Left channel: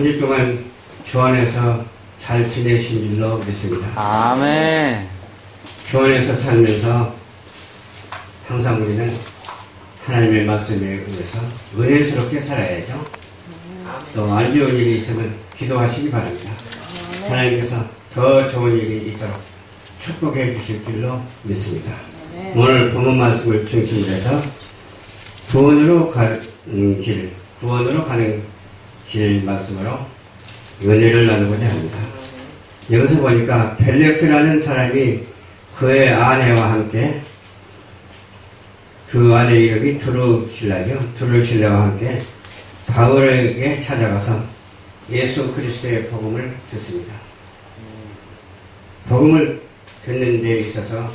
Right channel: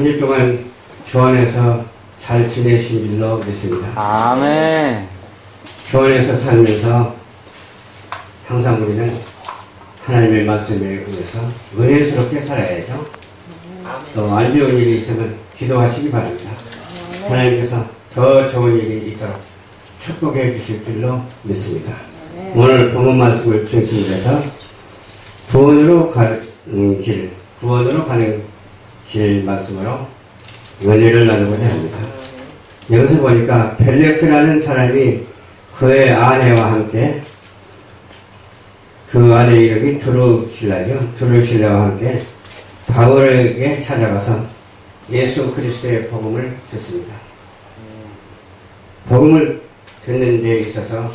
한 주 동안 교환해서 잘 지내신 줄로 믿습니다. 아멘. 교환해서 살면서 항상 우리는 하나님의 말씀에 의해서 은혜스럽게 살아야죠. 또 안 좋은 일이 있으면 기도하시기 바랍니다. 하나님께서 더 좋은 일이 있도록 축복해 주실 줄로 믿습니다. 오늘 본문 말씀을 중심으로 해서 구원으로 가는 길 말씀으로 은혜를 나누고자 합니다. 여기서 보니까 벨렉스라는 사람이 그의 아내와 함께, 그 아내 이름이 드루실라죠. 드루실라와 함께 바울에게 찾아가서 예수 그리스도의 복음을 듣습니다. 복음을 듣는 데 있어서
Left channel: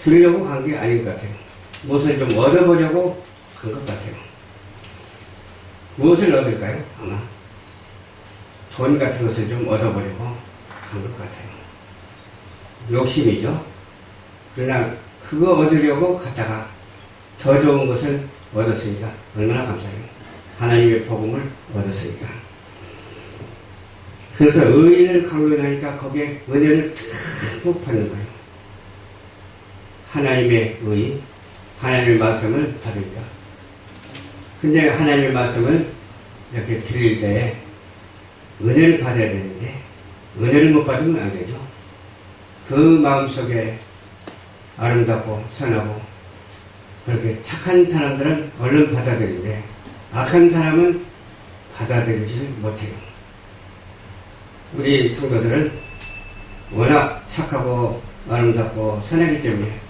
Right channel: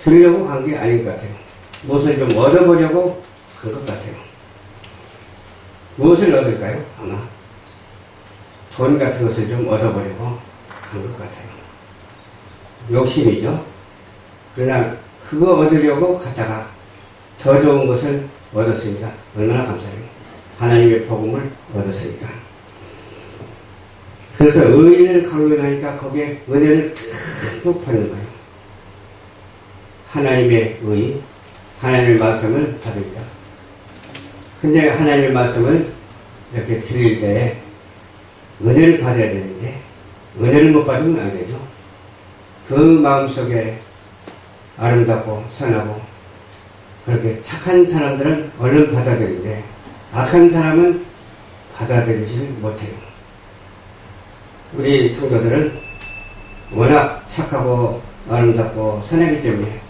들으려고 간 게 아닌 것 같아요. 무엇을 좀 얻어보려고 간 것 같아요. 무엇을 얻을까요? 아마 돈 같은 것을 좀 얻어보려고 간 것 같아요. 욕심이죠. 그러나 그거 얻으려고 갔다가 더 좋은 것을 얻었으니까 얼마나 감사해요. 하나님의 복음을 얻었으니까. 그래서 의인을 강론하니까 거기에 은혜를 듬뿍 받는 거예요. 하나님의 의, 하나님의 말씀을 받으니까. 근데 하나님의 말씀을 이렇게 드릴 때 은혜를 받아야 되는데 은혜를 못 받으면 안 되죠. 그 마음속에 아름답고 선하고 그렇게 착한 사람들은 얼른 받아들이는데 악한 사람은 받아들이지 못해요. 우리 성도들은 워낙 착하고 아름답고 선하기 때문에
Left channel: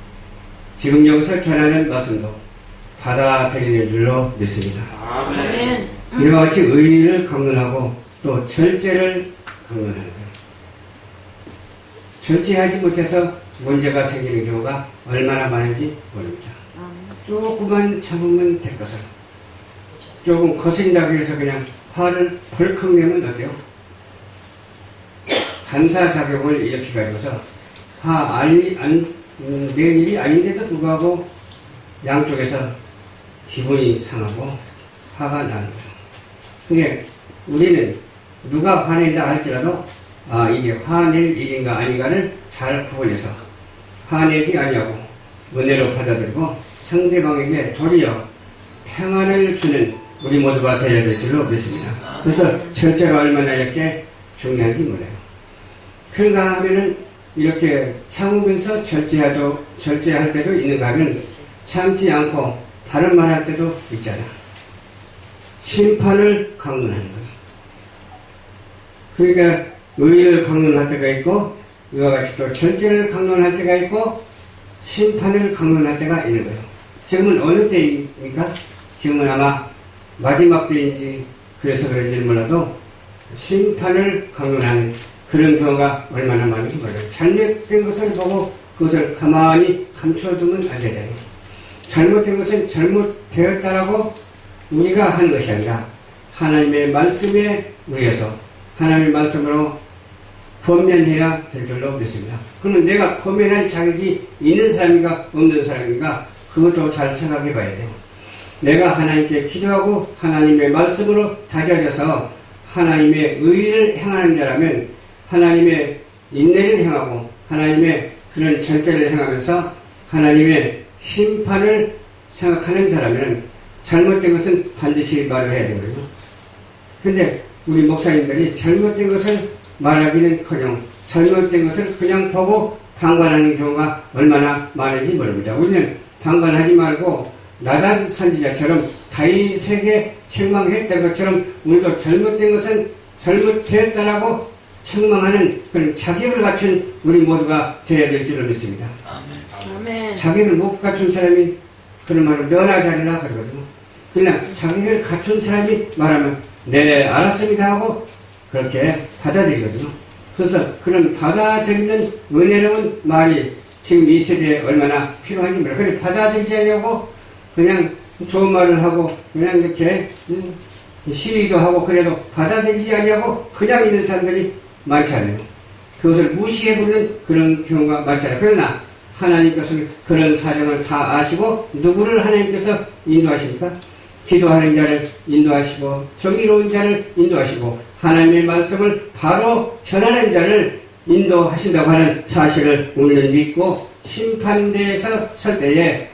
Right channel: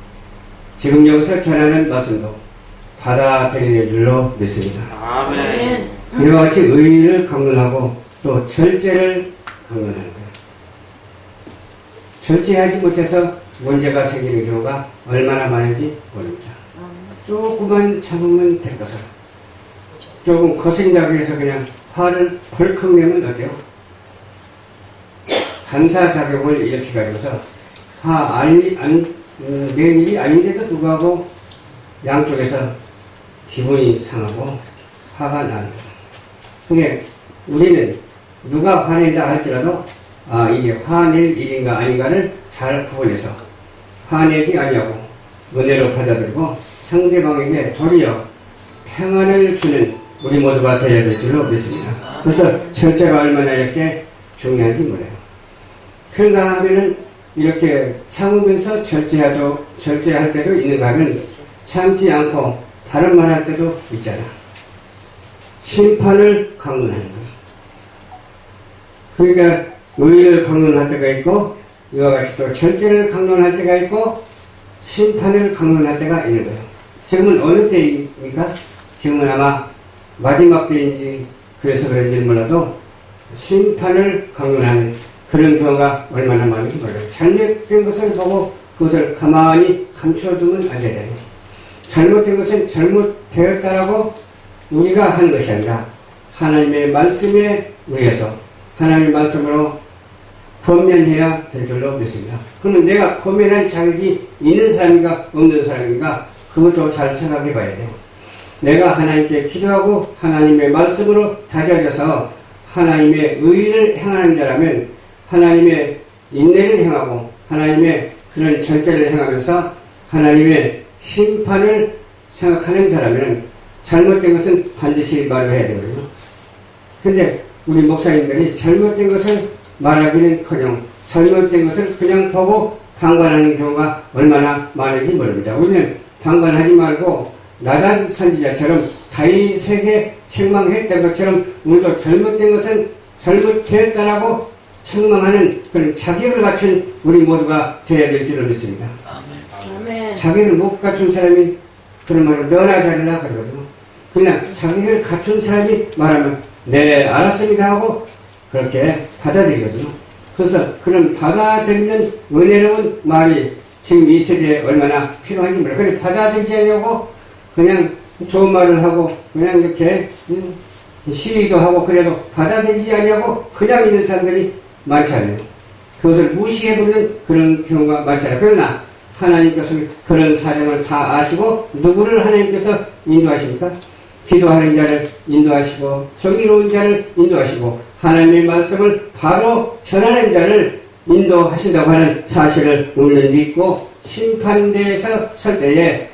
지금 여기서 전하는 말씀도 받아들이는 줄로 믿습니다. 아멘. 이와 같이 의를 강론하고 또 절제를 강론하는 거예요. 절제하지 못해서 문제가 생기는 경우가 얼마나 많은지 모릅니다. 조금만 참으면 될 것을 조금 거슬린다고 해서 그냥 화를 벌컥 내면 어때요? 반사작용을 일으켜가지고서 낸 일이 아닌데도 불구하고 양쪽에서 기분이 상하고 화가 나는 거예요. 그게 우리는 누가 화낸다 할지라도 이게 화낼 일인가 아닌가를 잘 구분해서 화내지 아니하고 은혜로 받아들이고 상대방에게 도리어 평안을 주는 우리 모두가 되어야 될 줄로 믿습니다. 그래서 절제가 얼마나 이렇게 중요한지 몰라요. 그런가 하면은 이렇게 참으면서 절제할 때도 있는가 하면 참지 않고 다른 말 할 때도 있잖아. 심판을 강론하는 것. 그러니까 의를 강론할 때가 있고 이와 같이 또 절제를 강론할 때가 있고 심판을 강론할 때가 있는 거예요. 지금은 어느 때입니까? 지금은 아마 마지막 때인지 그래서 그런지 몰라도 심판을 강론하는 그런 경우가 얼마나 많은지 몰라요. 잘못된 것을 보고 그것을 가만히 감춰두면 안 되잖아요. 잘못된 것은 잘못되었다라고 우리가 하는 것이 아니라 하나님의 말씀에 의해서 하나님의 말씀으로 권면해야 될 줄로 믿습니다. 그러면 내가 권면할 자격이 있는 사람인가 없는 사람인가 그것도 잘 생각해 봐야 돼요. 내가 하나님께 기도하고 하나님의 말씀으로 다져져서 하나님의 의를 행하는 자라면 하나님의 인내를 행하고 하나님의 그런 절제를 행하면서 하나님의 심판을 생각하는 자라면 잘못된 것은 반드시 말을 해야 되거든요. 그런데 우리 목사님들이 잘못된 것을 말하기는커녕 잘못된 것을 그냥 보고 방관하는 경우가 얼마나 많은지 모릅니다. 우리는 방관하지 말고 나단 선지자처럼 다윗에게 책망했던 것처럼 우리도 잘못된 것은 잘못되었다라고 책망하는 그런 자격을 갖춘 우리 모두가 되어야 될 줄로 믿습니다. 아멘. 자격을 못 갖춘 사람이 그런 말을 너나 잘라 그러거든요. 그냥 자격을 갖춘 사람이 말하면 네 알았습니다 하고 그렇게 받아들이거든요. 그래서 그런 받아들이는 은혜로운 말이 지금 이 세대에 얼마나 필요한지 몰라요. 그런데 받아들이지 않으려고 그냥 좋은 말을 하고 그냥 이렇게 시위도 하고 그래도 받아들이지 않으려고 그냥 있는 사람들이 많잖아요. 그것을 무시해버리는 그런 경우가 많잖아요. 그러나 하나님께서 그런 사정을 다 아시고 누구를 하나님께서 인도하십니까? 기도하는 자를 인도하시고 정의로운 자를 인도하시고 하나님의 말씀을 바로 전하는 자를 인도하신다고 하는 사실을 우리는 믿고 심판대에서 설 때에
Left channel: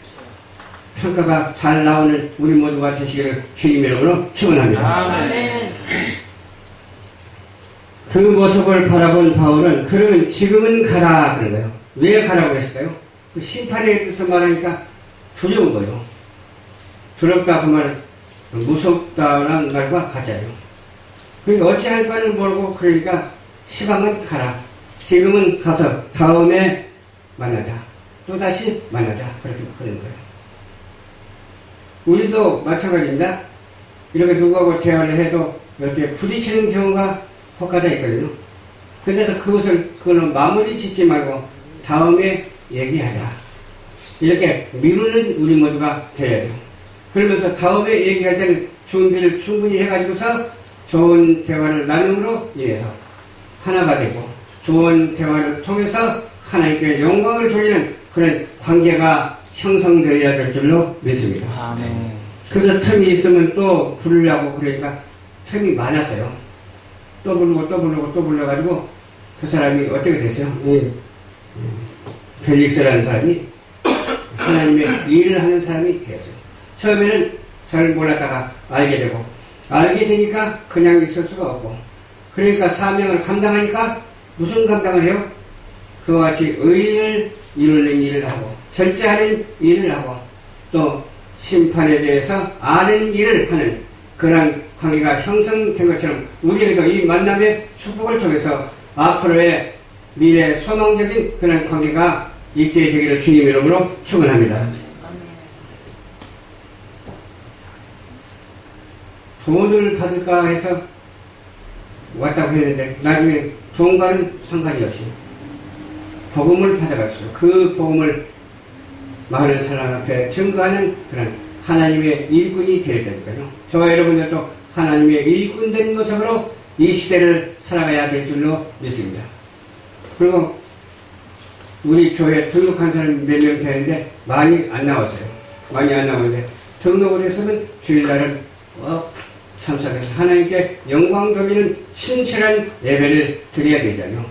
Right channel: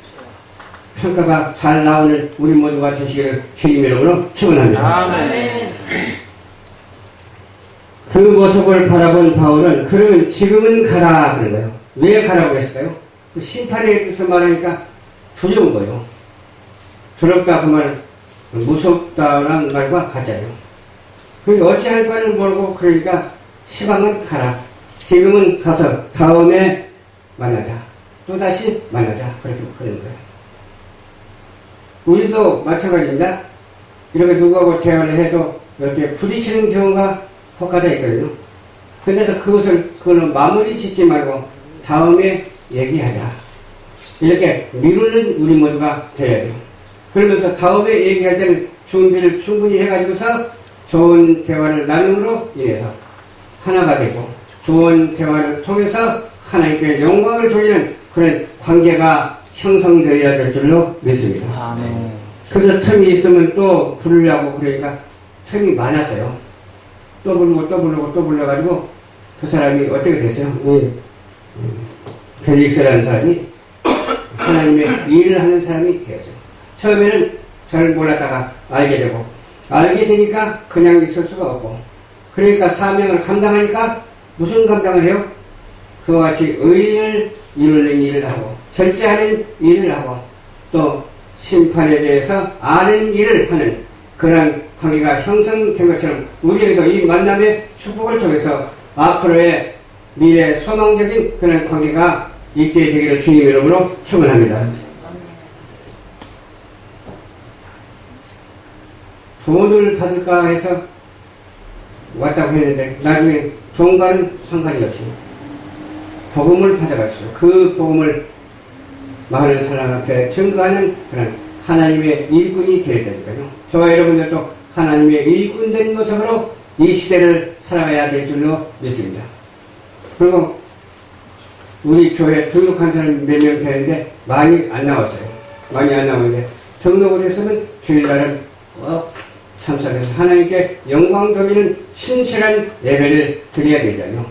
평가가 잘 나오는 우리 모두가 되시기를 주님의 이름으로 축원합니다. 아멘. 그 모습을 바라본 바울은 그러면 지금은 가라 그런 거예요. 왜 가라고 했을까요? 그 심판의 뜻을 말하니까 두려운 거예요. 두렵다 그 말, 무섭다라는 말과 같잖아요. 그러니까 어찌할 바를 모르고 그러니까 시방은 가라. 지금은 가서 다음에 만나자. 또다시 만나자. 그렇게 그러는 거예요. 우리도 마찬가지입니다. 이렇게 누구하고 대화를 해도 이렇게 부딪히는 경우가 혹가다 있거든요. 근데서 그거는 마무리 짓지 말고 다음에 얘기하자. 이렇게 미루는 우리 모두가 돼야 돼요. 그러면서 다음에 얘기할 때는 준비를 충분히 해가지고서 좋은 대화를 나눔으로 인해서 하나가 되고 좋은 대화를 통해서 하나님께 영광을 돌리는 그런 관계가 형성되어야 될 줄로 믿습니다. 아멘. 그래서 틈이 있으면 또 부르려고 그러니까 틈이 많았어요. 또 불러가지고 그 사람이 어떻게 됐어요? 벨릭스라는 사람이 하나님의 일을 하는 사람이 되었어요. 처음에는 잘 몰랐다가 알게 되고 알게 되니까 그냥 있을 수가 없고 그러니까 사명을 감당하니까 무슨 감당을 해요? 그와 같이 의를 이루는 일을 하고 절제하는 일을 하고 또 심판에 대해서 아는 일을 하는 그런 관계가 형성된 것처럼 우리에게도 이 만남의 축복을 통해서 앞으로의 미래 소망적인 그런 관계가 있게 되기를 주님의 이름으로 축원합니다. 돈을 받을까 해서 왔다고 했는데 나중에 돈과는 상관이 없이 복음을 받아가지고 그 복음을 많은 사람 앞에 증거하는 그런 하나님의 일꾼이 되었다니까요. 저와 여러분들도 하나님의 일꾼된 모습으로 이 시대를 살아가야 될 줄로 믿습니다. 그리고 우리 교회 등록한 사람 몇 명 되는데 많이 안 나왔어요. 많이 안 나오는데 등록을 했으면 주일날은 꼭 참석해서 하나님께 영광 돌리는 신실한 예배를 드려야 되잖아요.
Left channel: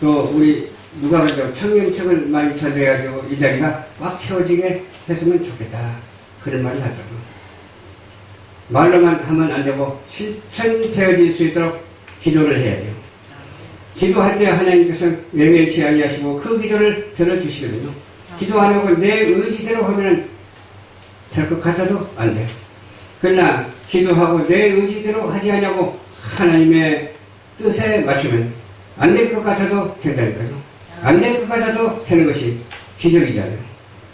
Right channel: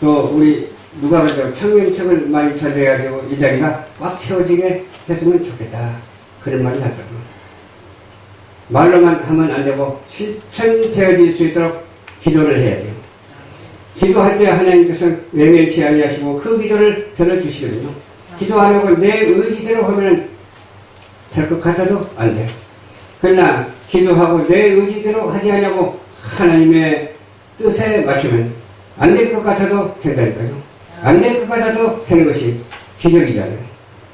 또 우리 누가 그래도 청년층을 많이 전해가지고 이 자리가 꽉 채워지게 했으면 좋겠다. 그런 말을 하더라고요. 말로만 하면 안 되고 실천되어질 수 있도록 기도를 해야 돼요. 기도할 때 하나님께서 외면치 아니하시고 그 기도를 들어주시거든요. 기도 안 하고 내 의지대로 하면 될 것 같아도 안 돼요. 그러나 기도하고 내 의지대로 하지 않냐고 하나님의 뜻에 맞추면 안 될 것 같아도 된다니까요. 안 될 것 같아도 되는 것이 기적이잖아요.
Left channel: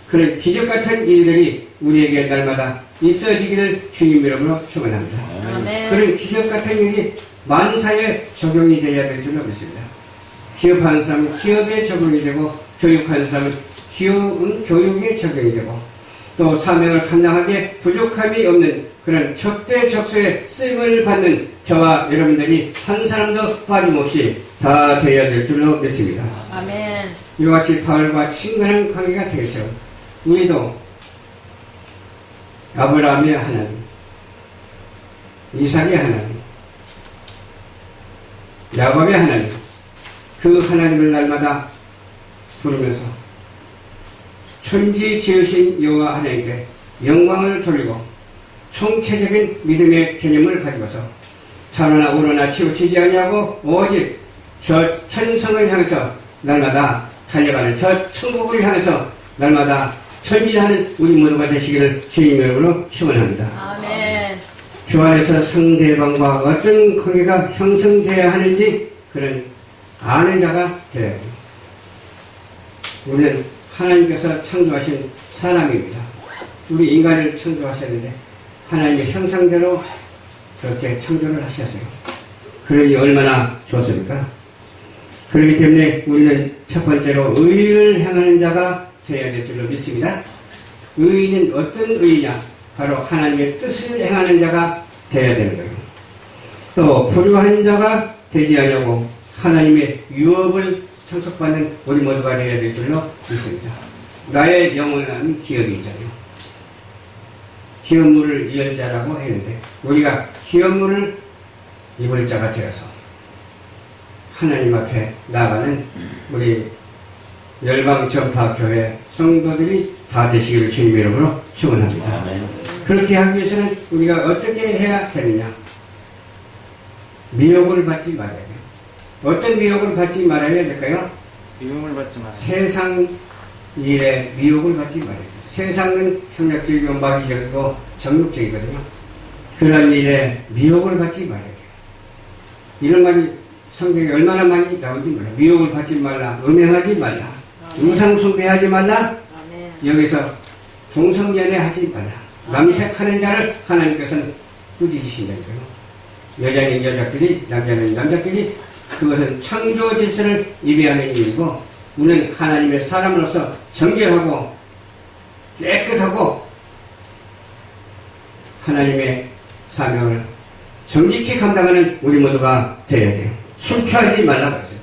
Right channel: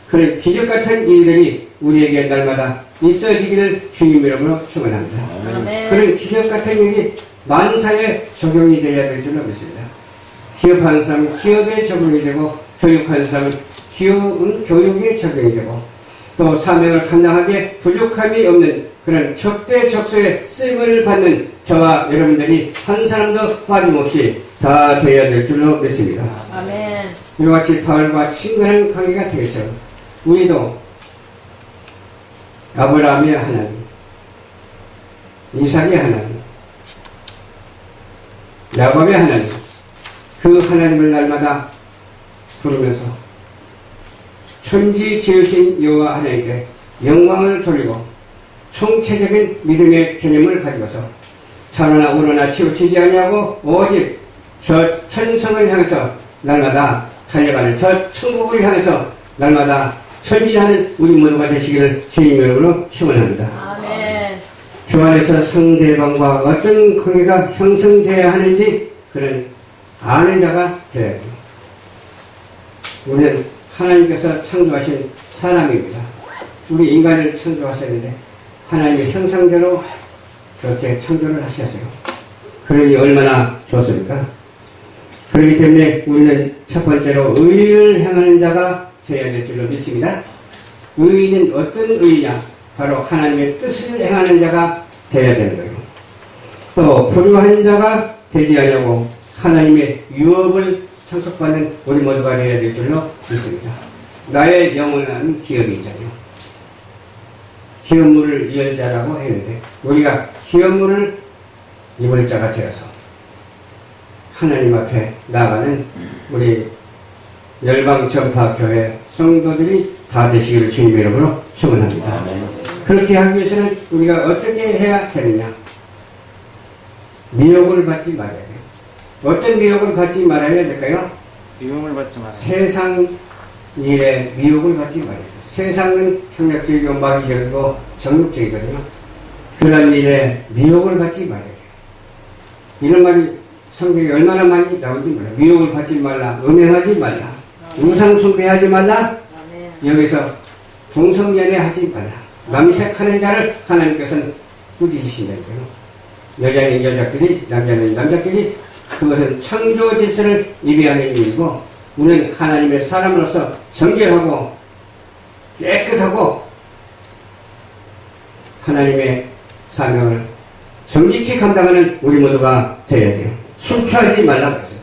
그런 기적 같은 일들이 우리에게 날마다 있어지기를 주님 이름으로 축원합니다. 그런 기적 같은 일이 만사에 적용이 되어야 될 줄로 믿습니다. 기업하는 사람은 기업에 적용이 되고 교육하는 사람은 교육에 적용이 되고 또 사명을 감당하기에 부족함이 없는 그런 적대적소에 쓰임을 받는 저와 여러분들이 한 사람도 빠짐없이 다 되어야 될 줄로 믿습니다. 아멘. 이와 같이 바울과 친근한 관계가 되겠죠. 우리도 아브라함의 하나님, 이삭의 하나님, 야곱의 하나님, 그 하나님을 날마다 부르면서 천지 지으신 여호와 하나님께 영광을 돌리고 총체적인 믿음의 개념을 가지고서 좌로나 우로나 치우치지 아니하고 오직 저 천성을 향해서 날마다 달려가는 저 천국을 향해서 날마다 전진하는 우리 모두가 되시기를 주님의 이름으로 축원합니다. 아멘. 주 안에서 상대방과 어떤 관계가 형성되어야 하는지 그런 아는 자가 되어야 됩니다. 우리는 하나님께서 창조하신 사람입니다. 우리 인간을 창조하셨는데 하나님의 형상대로 그렇게 창조를 하셨어요. 그러니 얼마나 좋습니까? 그렇기 때문에 우리는 첫 번째로 의를 행하는 자가 되어야 될 줄로 믿습니다. 의는 어떤 의냐? 바로 하나님의 뜻을 행하는 자가 되어야 되는 거예요. 또 불효한 자가 되지 않냐고 하나님의 유업을 상속받는 우리 모두가 되어야 될 줄로 믿습니다. 나의 영원한 기업이 있잖아요. 기업물을 이을 자라고 했는데 우리가 기업물을 입을 자가 되어서 하나님 앞에 나가는 우리 열방전파교회 성도들이 다 되시기를 주님 이름으로 축원합니다. 아멘. 그렇게 하기 위해서는 우리가 어떻게 해야 되느냐? 미혹을 받지 말아야 돼요. 어떤 미혹을 받지 말아야 될까요? 미움을 받지 마라. 세상 일에 미혹을 받지 말아야 돼요. 세상은 평력적이고 마귀적이고 정욕적이거든요. 그런 일에 미혹을 받지 말아야 돼요. 이런 말이 성경에 얼마나 많이 나오는지 몰라요. 미혹을 받지 말라, 음행하지 말라, 우상 숭배하지 말라, 여기서 동성연애 하지 말라. 남색하는 자를 하나님께서는 꾸짖으신다니까요. 여자는 여자끼리, 남자는 남자끼리, 그것은 창조 질서를 위배하는 일이고, 우리는 하나님의 사람으로서 정결하고 깨끗하고 하나님의 사명을 정직히 감당하는 우리 모두가 되어야 돼요. 술 취하지 말라고 했어요.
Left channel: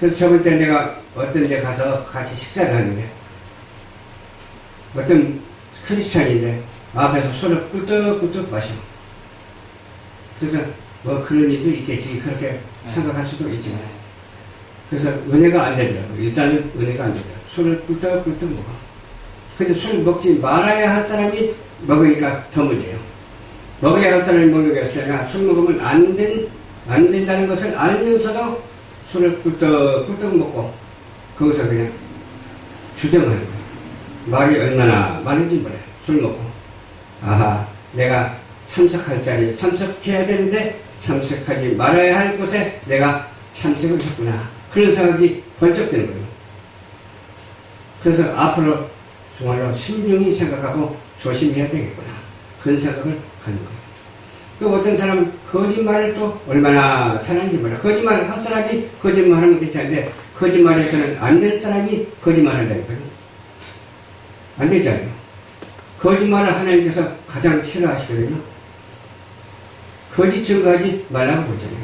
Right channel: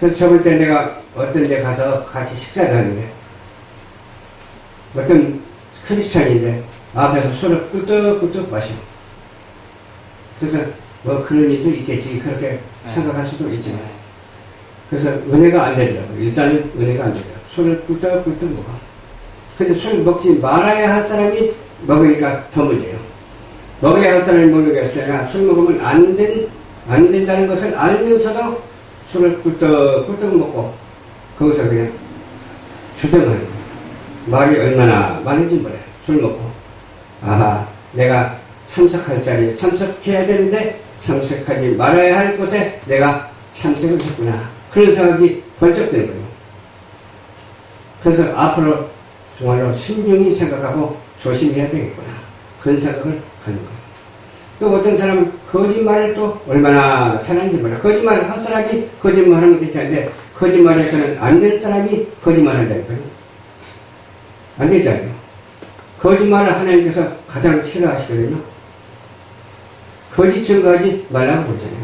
그래서 저번 때 내가 어떤 데 가서 같이 식사를 하는데 어떤 크리스찬인데 앞에서 술을 꿀떡꿀떡 마시고, 그래서 뭐 그런 일도 있겠지 그렇게 생각할 수도 있지만, 그래서 은혜가 안 되더라고요. 일단은 은혜가 안 되더라고요. 술을 꿀떡꿀떡 먹어. 근데 술 먹지 말아야 할 사람이 먹으니까 더 문제예요. 먹어야 할 사람이 먹는 게 아니라 술 먹으면 안 된다는 것을 알면서도 술을 꿀떡꿀떡 먹고 거기서 그냥 주정하는 거예요. 말이 얼마나 많은지 몰라요. 술 먹고. 아하, 내가 참석할 자리에 참석해야 되는데 참석하지 말아야 할 곳에 내가 참석을 했구나. 그런 생각이 번쩍 드는 거예요. 그래서 앞으로 정말로 신중히 생각하고 조심해야 되겠구나. 그런 생각을 하는 거예요. 또 어떤 사람은 거짓말을 또 얼마나 잘하는지 몰라요. 거짓말을 한 사람이 거짓말하면 괜찮은데 거짓말에서는 안 될 사람이 거짓말한다니까요. 안 되잖아요. 거짓말을 하나님께서 가장 싫어하시거든요. 거짓 증거하지 말라고 그러잖아요.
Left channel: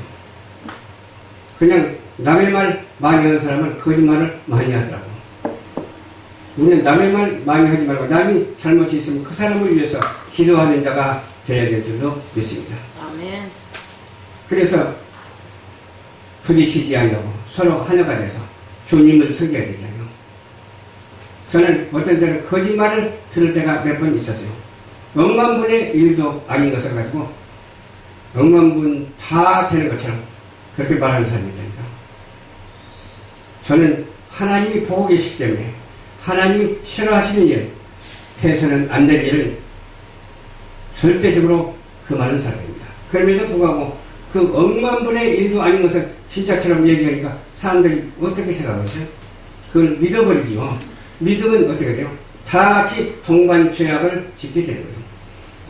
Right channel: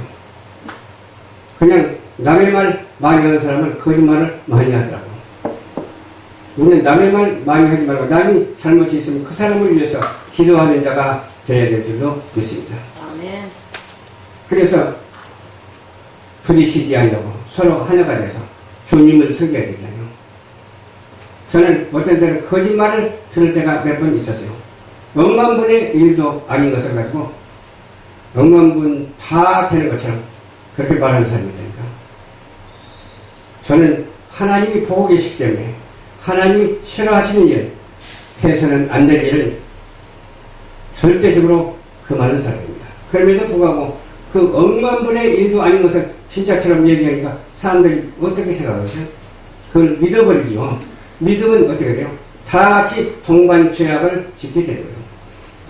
그냥 남의 말 많이 하는 사람은 거짓말을 많이 하더라고요. 우리는 남의 말 많이 하지 말고 남이 잘못이 있으면 그 사람을 위해서 기도하는 자가 되어야 될 줄로 믿습니다. 아멘. 그래서 부딪히지 않으려고 서로 하나가 돼서 주님을 섬겨야 되잖아요. 저는 어떤 때는 거짓말을 들을 때가 몇 번 있었어요. 억만분의 일도 아닌 것을 가지고 억만분 다 되는 것처럼 그렇게 말하는 사람이니까. 저는 하나님이 보고 계시기 때문에 하나님이 싫어하시는 일, 해서는 안 될 일을 절대적으로 금하는 사람입니다. 그럼에도 불구하고 그 억만분의 일도 아닌 것을 진짜처럼 얘기하니까 사람들이 어떻게 생각하죠? 그걸 믿어버리죠. 믿으면 어떻게 돼요? 다 같이 동반죄악을 짓게 되는 거예요.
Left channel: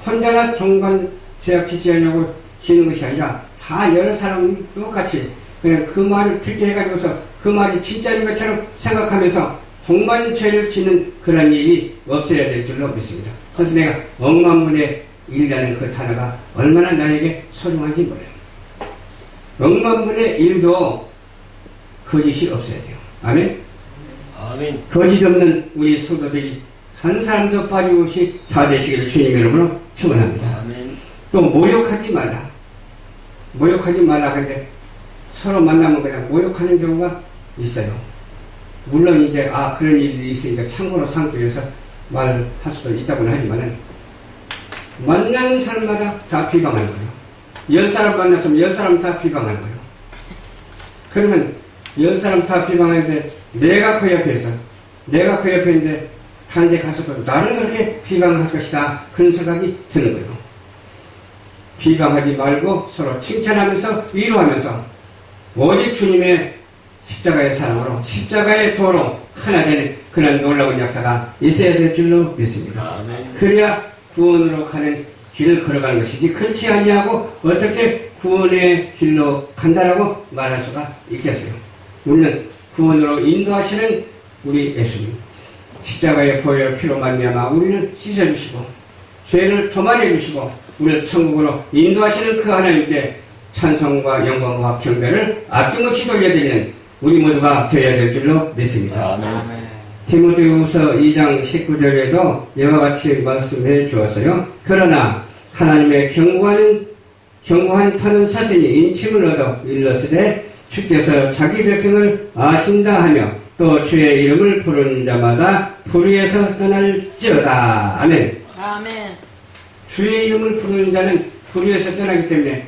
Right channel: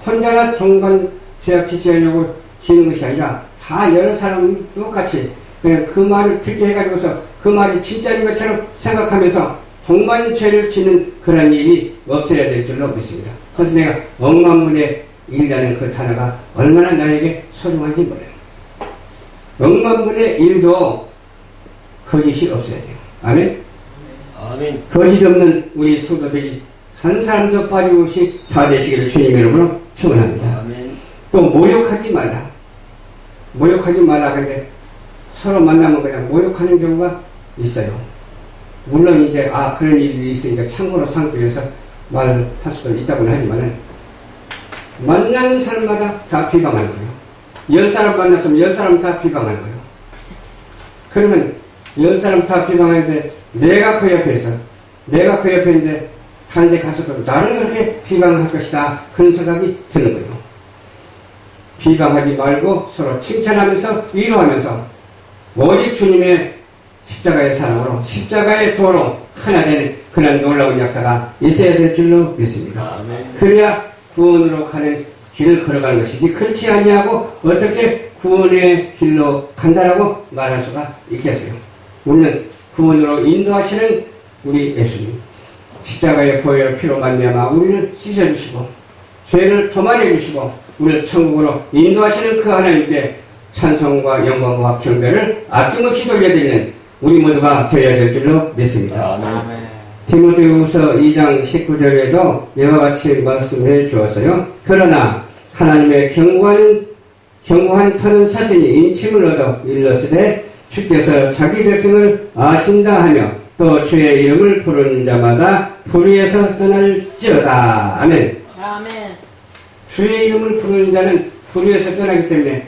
혼자나 동반죄악 짓지 않으려고 지는 것이 아니라 다 여러 사람 똑같이 그냥 그 말을 듣게 해가지고서 그 말이 진짜인 것처럼 생각하면서 동반죄를 짓는 그런 일이 없어야 될 줄로 믿습니다. 그래서 내가 억만분의 일이라는 그 단어가 얼마나 나에게 소중한지 몰라요. 억만분의 일도 거짓이 없어야 돼요. 아멘? 아멘. 거짓 없는 우리 성도들이 한 사람도 빠짐없이 다 되시기를 주님 이름으로 축원합니다. 아멘. 또 모욕하지 말라. 모욕하지 말라. 근데 서로 만나면 그냥 모욕하는 경우가 있어요. 물론 이제 그런 일이 있으니까 참고로 삼기 위해서 말을 할 수도 있다고는 하지만은 만나는 사람마다 다 비방하는 거예요. 10사람 만났으면 10사람 다 비방하는 거예요. 그러면 10사람 다 비방하는데 내가 그 옆에 있는데 다른 데 가서도 나를 그렇게 비방할 것이다. 그런 생각이 드는 거예요. 비방하지 말고 서로 칭찬하면서 위로하면서 오직 주님의 십자가의 사랑으로 십자가의 도로 하나 되는 그런 놀라운 역사가 있어야 될 줄로 믿습니다. 아멘. 그래야 구원으로 가는 길을 걸어가는 것이지 그렇지 아니하고 어떻게 구원의 길로 간다라고 말할 수가 있겠어요. 우리는 구원으로 인도하시는 우리 예수님 십자가의 보혈 피로 말미암아 우리를 씻어주시고 죄를 도말해 주시고 우리를 천국으로 인도하시는 그 하나님께 찬송과 영광과 경배를 아낌없이 돌려드리는 우리 모두가 되어야 될 줄로 믿습니다. 아멘. 디모데후서 2장 19절에도 이와 같이 말씀해 주었어요. 그러나 하나님의 경고한 터는 사신이 인침을 얻어 일렀으되 주께서 자기 백성을 아신다 하며 또 주의 이름을 부르는 자마다 불의에서 떠날지어다. 아멘. 아멘. 주의 이름을 부르는 자는 불의에서 떠나기 때문에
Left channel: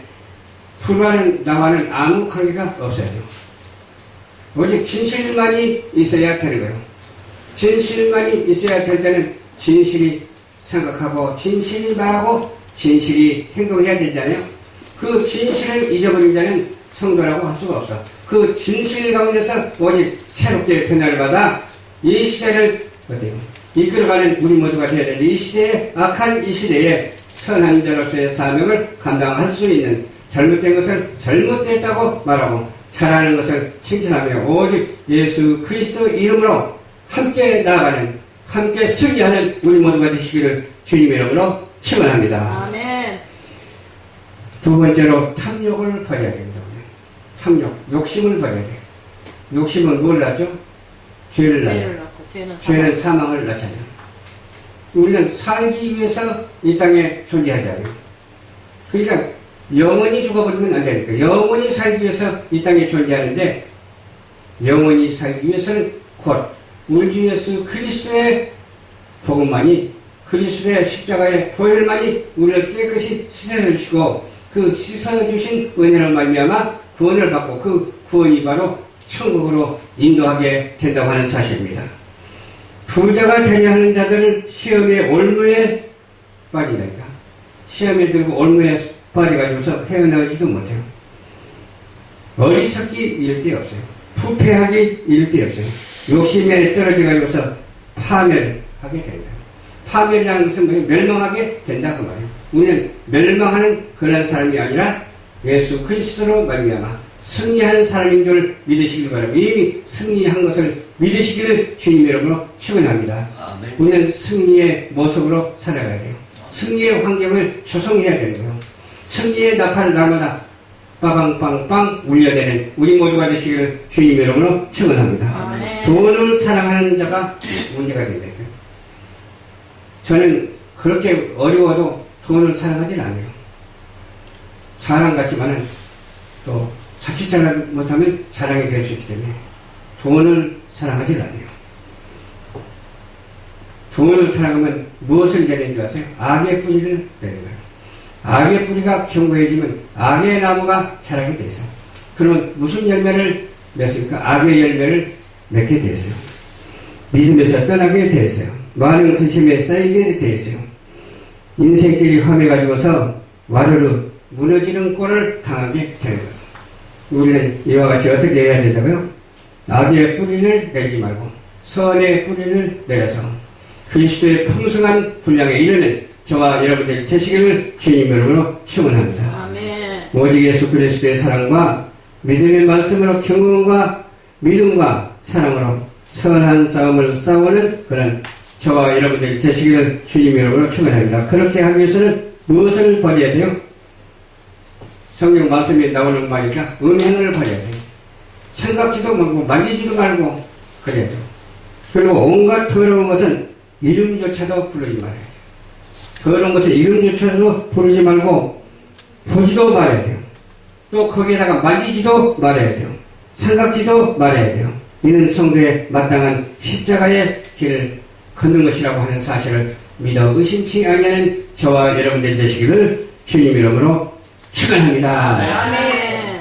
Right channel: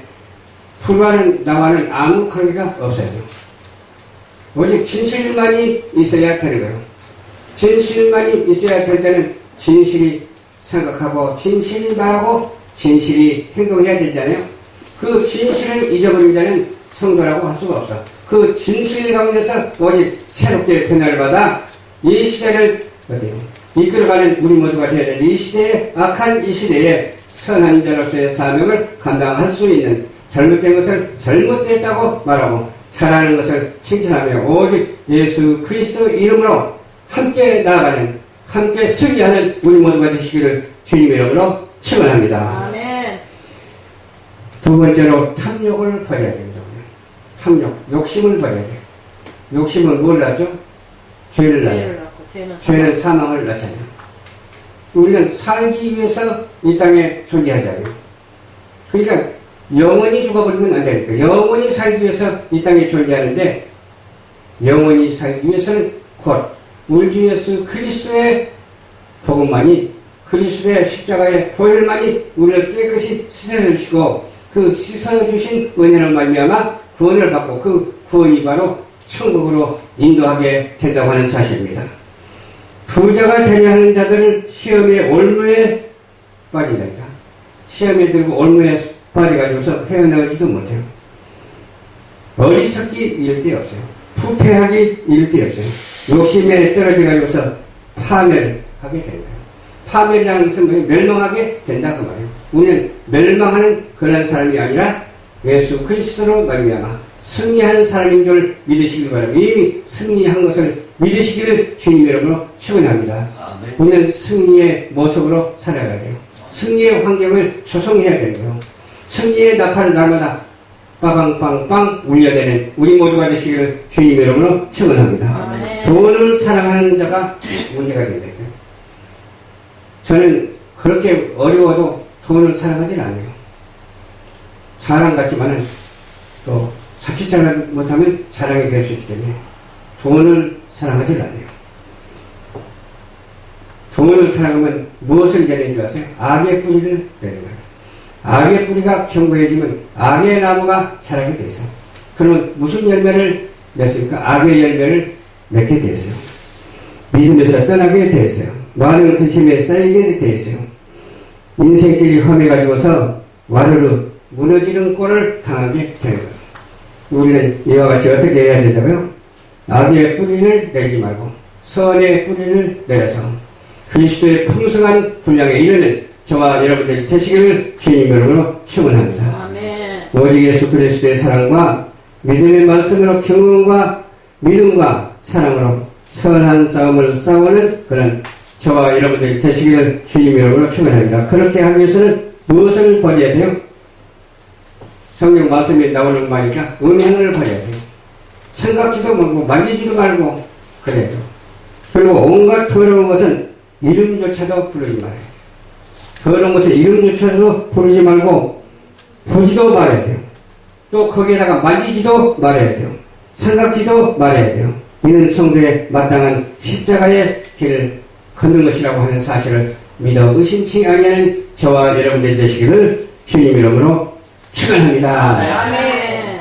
불의와는 나와는 아무 관계가 없어요. 오직 진실만이 있어야 되는 거예요. 진실만이 있어야 될 때는 진실이 생각하고 진실이 말하고 진실이 행동해야 되잖아요. 그 진실을 잊어버린 자는 성도라고 할 수가 없어. 그 진실 가운데서 오직 새롭게 변화를 받아 이 시대를 어때요? 이끌어가는 우리 모두가 되어야 되는 이 시대에, 악한 이 시대에 선한 자로서의 사명을 감당할 수 있는, 잘못된 것을 잘못됐다고 말하고 잘하는 것을 칭찬하며 오직 예수 그리스도 이름으로 함께 나아가는, 함께 승리하는 우리 모두가 되시기를 주님의 이름으로 축원합니다. 아멘. 두 번째로 탐욕을 버려야 됩니다. 탐욕, 욕심을 버려야 돼요. 욕심은 뭘 낳죠? 죄를 낳아요. 죄는 사망을 낳잖아요. 우리는 살기 위해서 이 땅에 존재하잖아요. 그러니까 영원히 죽어버리면 안 되니까 영원히 살기 위해서 이 땅에 존재하는데, 영원히 살기 위해서는 곧 우리 주 예수 그리스도의 복음만이, 그리스도의 십자가의 보혈만이 우리를 깨끗이 씻어주시고 그 씻어주신 은혜로 말미암아 구원을 받고 그 구원이 바로 천국으로 인도하게 된다고 하는 사실입니다. 부자가 되려 하는 자들은 시험의 올무에 빠진다니까. 시험에 들고 올무에 빠져가지고서 헤어나가지도 못해요. 어리석기 이를 데 없어요. 부패하기 이를 데 없어요. 욕심에 떨어져가지고서 파멸하게 되는 거예요. 파멸이라는 것은 멸망하게 된다 그 말이에요. 우리는 멸망하는 그런 사람이 아니라 예수 그리스도로 말미암아 승리하는 사람인 줄 믿으시길 바랍니다. 이미 승리한 것을 믿으시기를 주님 이름으로 축원합니다. 우리는 승리의 모습으로 살아가야 돼요. 승리의 환경을 조성해야 되는 거예요. 승리의 나팔을 날마다 빠방빵빵 울려대는 우리 모두가 되시기를 주님 이름으로 축원합니다. 돈을 사랑하는 자가 문제가 된다니까요. 저는 그렇게 어려워도 돈을 사랑하진 않아요. 사랑 같지만은 또 자칫 잘못하면 자랑이 될 수 있기 때문에 돈을 사랑하지 않아요. 돈을 사랑하면 무엇을 내는 줄 아세요? 악의 뿌리를 내는 거예요. 악의 뿌리가 견고해지면 악의 나무가 자라게 돼 있어요. 그러면 무슨 열매를 맺습니까? 악의 열매를 맺게 돼 있어요. 믿음에서 떠나게 돼 있어요. 많은 근심에 쌓이게 돼 있어요. 인생길이 험해가지고서 와르르 무너지는 꼴을 당하게 되는 거예요. 우리는 이와 같이 어떻게 해야 된다고요? 악의 뿌리를 내지 말고 선의 뿌리를 내려서 그리스도의 풍성한 분량에 이르는 저와 여러분들이 되시기를 주님 이름으로 축원합니다. 아멘. 오직 예수 그리스도의 사랑과 믿음의 말씀으로 경건과 믿음과 사랑으로 선한 싸움을 싸우는 그런 저와 여러분들이 되시기를 주님 이름으로 축원합니다. 그렇게 하기 위해서는 무엇을 버려야 돼요? 성경 말씀에 나오는 말이니까 음행을 버려야 돼요. 생각지도 말고 만지지도 말고 그래야 돼요. 그리고 온갖 더러운 것은 이름조차도 부르지 말아야 돼요. 더러운 것은 이름조차도 부르지 말고 보지도 말아야 돼요. 또 거기에다가 만지지도 말아야 돼요. 생각지도 말아야 돼요. 이는 성도의 마땅한 십자가의 길을 걷는 것이라고 하는 사실을 믿어 의심치 아니하는 저와 여러분들이 되시기를 주님 이름으로 축원합니다. 아멘.